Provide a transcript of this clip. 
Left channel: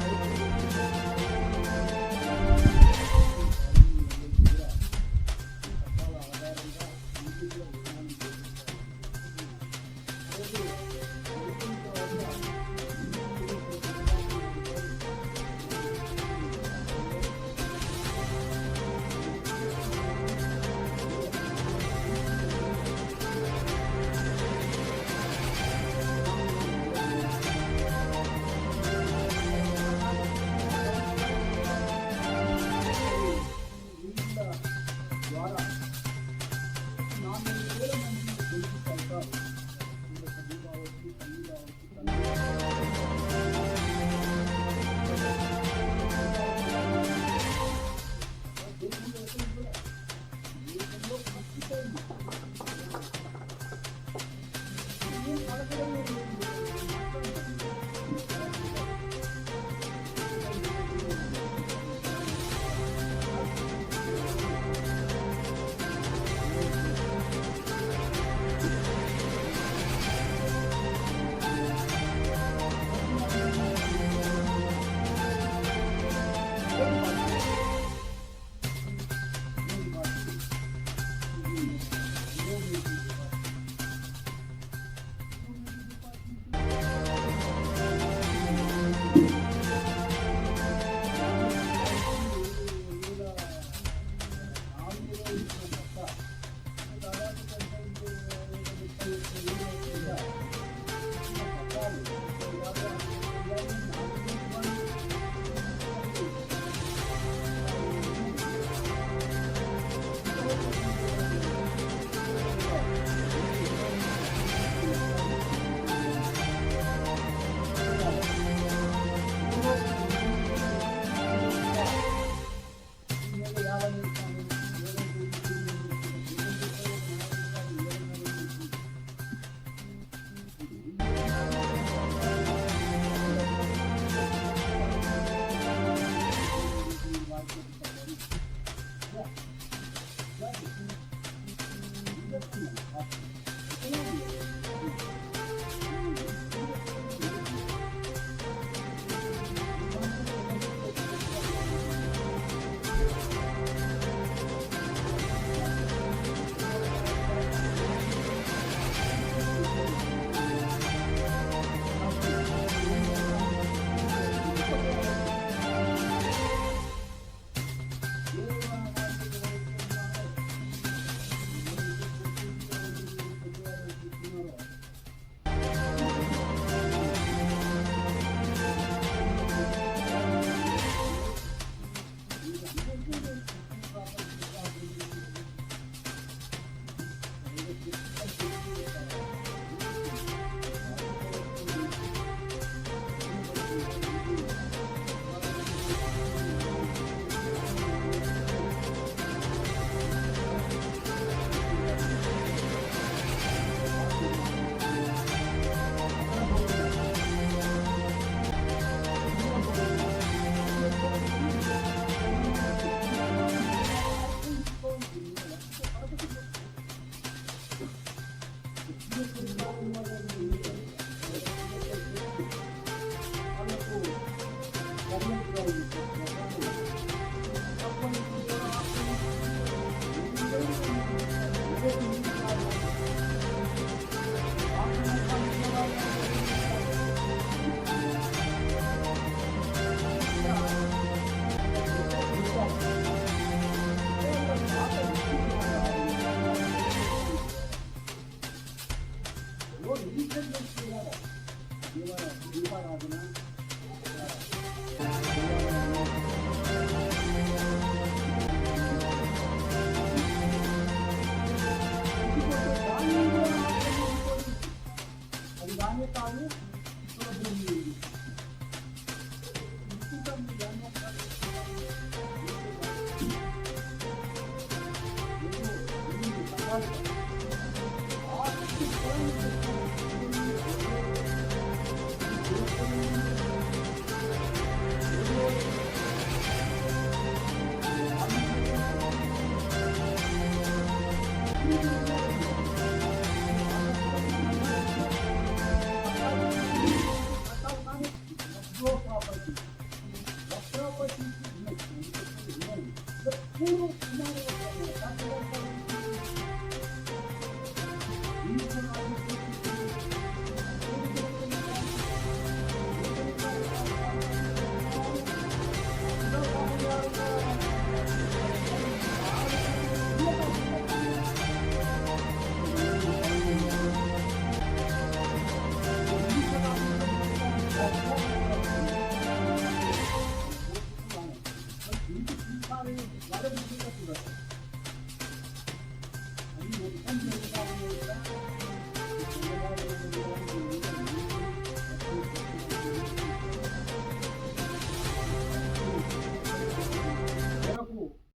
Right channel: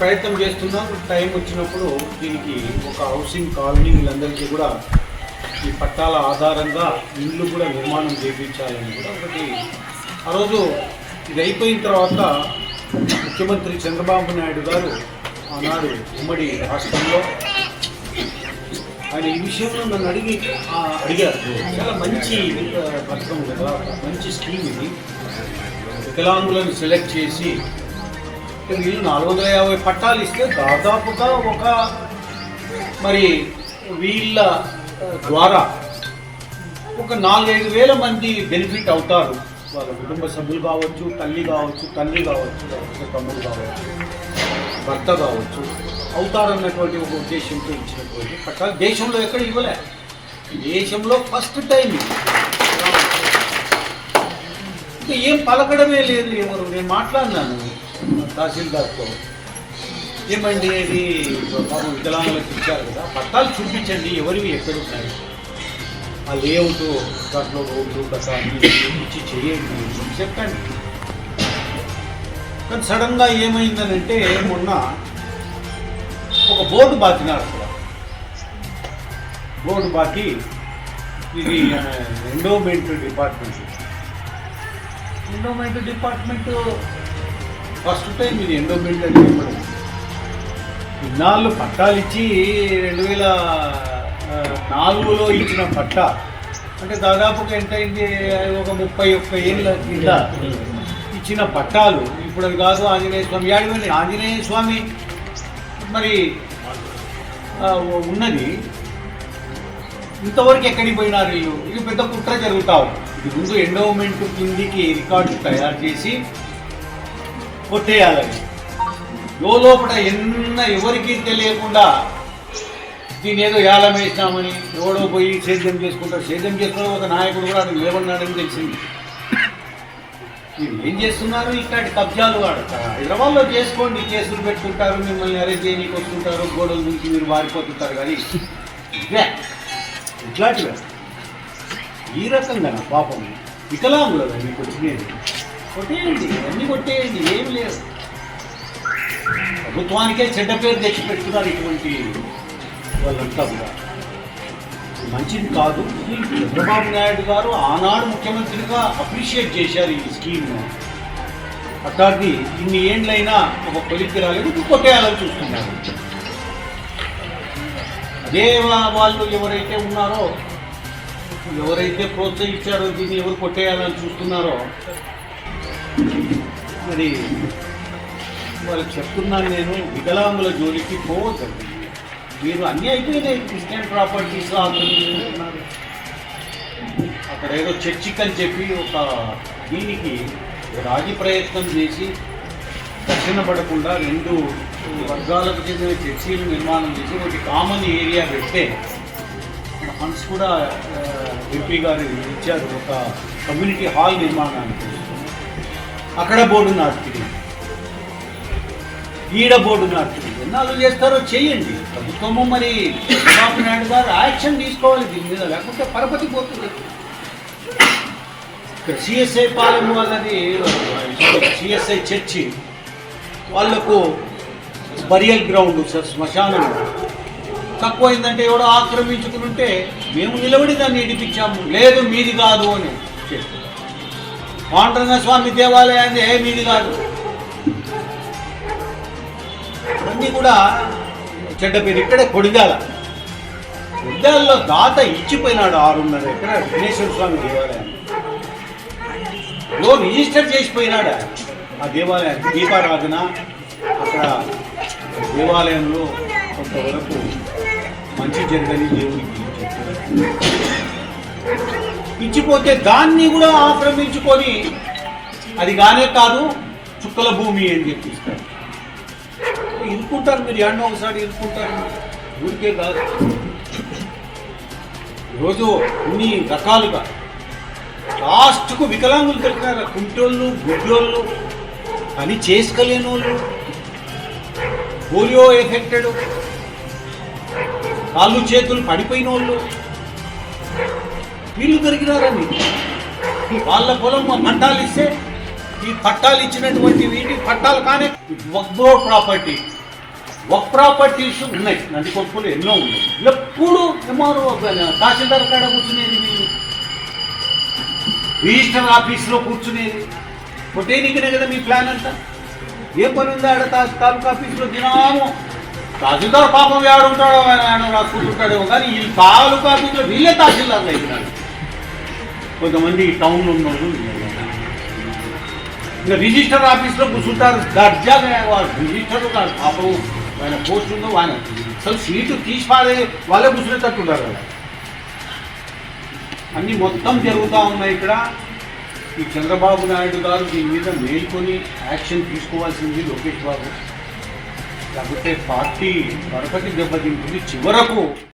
ప్రయత్నం చేస్తున్నాం. టైం వచ్చినప్పుడు దీనికి ఒక హౌసింగ్ కాలనీ వీళ్ళందరికీ కూడా ఈ పట్టాల ఆధారంగా ఇల్లు కూడా నిర్మాణం చేయించాలని కూడా ఒకటి ఆ రోజు ఇది అయిపోయిన తర్వాత ముఖ్యమంత్రి చంద్రబాబు నాయుడు గారు ఆనాడు ఉమ్మడి రాష్ట్రంలో ఆయన ఈ విషయంలో నన్ను అడిగి అడిగారు. చాలా మంచి పథకం కదా మంచి స్కీమ్ ఇది. వికలాంగులను సెలెక్ట్ చేసి వీళ్ళు నాలుగు వందల యాభై పట్టాలు ఇస్తే దాదాపుగా ఒక మరి వీళ్ళ ద్వారా ఒక నాలుగైదు వేల మంది బెనిఫిట్ అవుతారు. వాళ్ళ కుటుంబ సభ్యులు కావచ్చు తల్లి కావచ్చు తల్లి కావచ్చు తమ్ముడు కావచ్చు భర్త కావచ్చు అవుతారన్నటువంటి ఒక ఉద్దేశంతో ఇచ్చినటువంటి పట్టాలు దేశంలో ఎక్కడ ఇవ్వలే. దేశంలో ఫస్ట్ టైం ఇంకా ఏం పలకడమే లేదు ఎవరు? నేను మాట్లాడినాను. తహసీల్దార్తో. ఏమండి ఇది పాపం వికలాంగులకు ఇచ్చారు కదా పట్టాలు చూపించండి ఎవరివి ఎక్కడ ఉన్నాయి? ఆ లేఅవుట్ దాంట్లో రోడ్లు ప్రసాదం చూపించి చేయండి చెప్పండి. కానీ సడన్గా ఏమైందనంటే మొన్న ఒక బోర్డు బాకినాడు అక్కడ. బోర్డు బాకి ఇది endowment department endowment department first time ఇది ఎండోమెంట్ అని ఇన్నాళ్ళు పట్టాలు ఇచ్చి రెండు వేల నాలుగులో ఇచ్చిన పట్ట అంటే దాదాపుగా ఎంత అయింది? ఒక ముప్పై ఒక్క ఏళ్ళ కింద ఇచ్చిన పట్టాలు ఇప్పుడు అది కాదు ఆంజనేయ స్వామి. యాడిపోయింది ఆంజనేయ స్వామి. మరి ఉన్నది. ఇంతవరకు ఎక్కడికి పోయినారు వీళ్ళు? ఇది పెద్ద కుట్ర జరుగుతావు ఇది ముందు ఎండోమెంట్ కిందికి రికార్డు తయారు చేసి కొట్టేయాలని లోపల ఎన్న ఎవరికి తెలియకుండా దీని ఏదో యాలం వేసినామని ఎవడో పోయి సేద్యం చేసుకుంటారు సేద్యం చేసుకున్న ఒక నాయకుడు కూడా అది లేవన్నాడని తెలిసింది. మీరు ఏం చేస్తున్నారు? ఇట్లాంటి కబ్జాలు వాడతారు హైదరాబాద్లో చేసుకోండి కేసులు పెట్టుకుంటారు మిమ్మల్ని అరెస్ట్ చేయడానికి వస్తుంటారు గోడల నుంచి మీరు వారిపోతుంటారు కానీ ఇవే ఇట్లాంటివే. ఈ రకంగా పాపం. వికలాంగులు మీకు నేను కొట్టేయండి అన్నీ కొట్టేయండి ఏమి లేదు. ప్రభుత్వానికే చెడ్డ పేరు తెచ్చి పెట్టుకున్నారు ఇటువంటి వాళ్ళంతా కూడా. మంచిది కాదు. చంద్రబాబు నాయుడు గారు ఆనాడు ముఖ్యమంత్రిగా అప్రిషియేట్ చేశారు ఈ స్కీమ్ను అట్లాంటి ఇన్ని ఏండ్లైనా ఒక కొలిక్కి రాలేదు కొట్టేయాలని చూస్తున్నారు. అదే వాళ్ళు ఎవరైతే ఉన్నారో ఎవరైతే ప్రోత్సహించారో దీన్ని ఎవరు కొట్టేయాలని చూస్తున్నారో మరి వాళ్ళకి చెప్తున్నాను నేను వికలాంగుల జోలికి పోవద్దండి మీరు అన్నీ అయిపోయినాయి క్రిస్టియన్ ప్రాపర్టీస్ ఆక్రమించుకుంటున్నారు అక్కడ ఏదో చర్చిక్ అని చెప్పి ఒక దీనికి రాజీ ప్రయత్నం చేసి దక్షిణ పడకుండా రెండు వర్గాలకు చెందిన చర్చీలు నిర్మాణం చేసి ఒకటి కామన్ ఏరియా పెడితే ఫండ్స్ కూడా ఎంపీ గారు ఇచ్చారు ఒక కమ్యూనిటీ హాల్ నిర్మాణానికి. అక్కడ బోర్డు నాటుతుంది ఈడ బోర్డు నాటుతుంది ఎన్నాళ్ళు చేస్తారో చేయండి. ప్రభుత్వము మరి చంద్రబాబు నాయుడు గారు యాక్షన్ తీసుకోవాలి. దీని మీద లేకుంటే పరపతి పోతుంది. ఇక్కడ సిఎస్ఐ పాలెం వాళ్ళది సిఎస్ఐ చర్చి. వాళ్ళకు బరియల్ గ్రౌండ్ సార్ శ్మశానం. తక్కువైందంటే ఎవడో ఆక్రమించుకుని ఉంటే మేము నిలబడి దాన్ని ఇడిపించాము. లేదు మీది కాదు అని చెప్పి. మాంటరంగ స్వామి దేవాలయాన్ని ఏ మీది కాదు. అన్నీ కూడా చెడ్డ పేరు ఇక్కడే కొడిదాల కొడిదాలలో దాత ఇచ్చిపోయినాడు ఆరున్నర ఇక్కడ విఘ్నేశ్వర స్వామి దేవాలయం లో రిజిస్టర్ చేసిపోయినాడు ఆ దేవాలయానికి దీపారాధన అక్కడ దేవాలయంలో కొంతవరకు మంచి జరగని దేవుడికి ఇచ్చిపోతే దాన్ని కూడా ఆక్రమించుకొని అది కానే కాదు చుక్కల భూమి అని చెప్పిస్తారు ఇరుక్కుంటారు మీరు ఎండ ఒకసారి ఇరుక్కుంటారు. ఊరికే కాదు. ఈరోజు అన్ని రకాలుగా లాస్ట్కు వికలాంగులు దొరికినారు. కుంటోళ్ళు గుడ్లోళ్ళు అని చేసుకోలేని వాళ్ళు పోలియో ఎఫెక్టెడ్ కాళ్ళు చేతులు పడిపోయిన వాళ్ళు వీళ్ళు దొరికినారని వాళ్ళ పొలం పట్టాలు ఇస్తే ఈ పట్టాలు ఇచ్చినటువంటి వీటి పట్టాలు కానీ వక్బో ప్రాపర్టీ. ఒక ప్రాపర్టీస్ ఉన్నాయి. నంది కొప్పులు ఎన్నో ఉన్నాయి. ఎప్పుడు ఎంఆర్ఓ తహసీల్దార్ కాడ కూర్చునేది వీళ్ళు. రిజిస్టర్ ఆఫీస్లో కూర్చునేది. కొట్టేనికనే కదా మీ ప్లాన్ అంతా? ఏ పని ఉందా ఆడ తాలూకా ఆఫీస్లో? దినాము తహసీల్దార్ పాపం ఉంటాడో ఆయన ఆయన రాసుకుంటుంటాడేమో. కానీ ఈ తాలూకా ఆఫీస్లో వీళ్ళే తహసీల్దార్లు అయిపోయినాడు కొంతమంది టౌన్లో ఉన్నోళ్ళు ఇంకా రిజిస్టర్ ఆఫీస్లో కూర్చుంటారు. దర్జాగా రిజిస్టర్ కాదు పాపం ఆయన పోస్ట్ ఉందో ఆయన అసలు సీటు తీసి పారే వాళ్ళే కూర్చునేటట్టున్నారు కదా అన్నీ మొత్తం జరుగుతూ ఉన్నాయి ఇక్కడ. ఈ చంద్రబాబు నాయుడు గారు దీని మీద మేల్కొని యాక్షన్ తీసుకోవాల్సింది లోకేష్ బాబు. లేకపోతే పార్టీ మరొకటి దెబ్బతింటుంది. చివరకు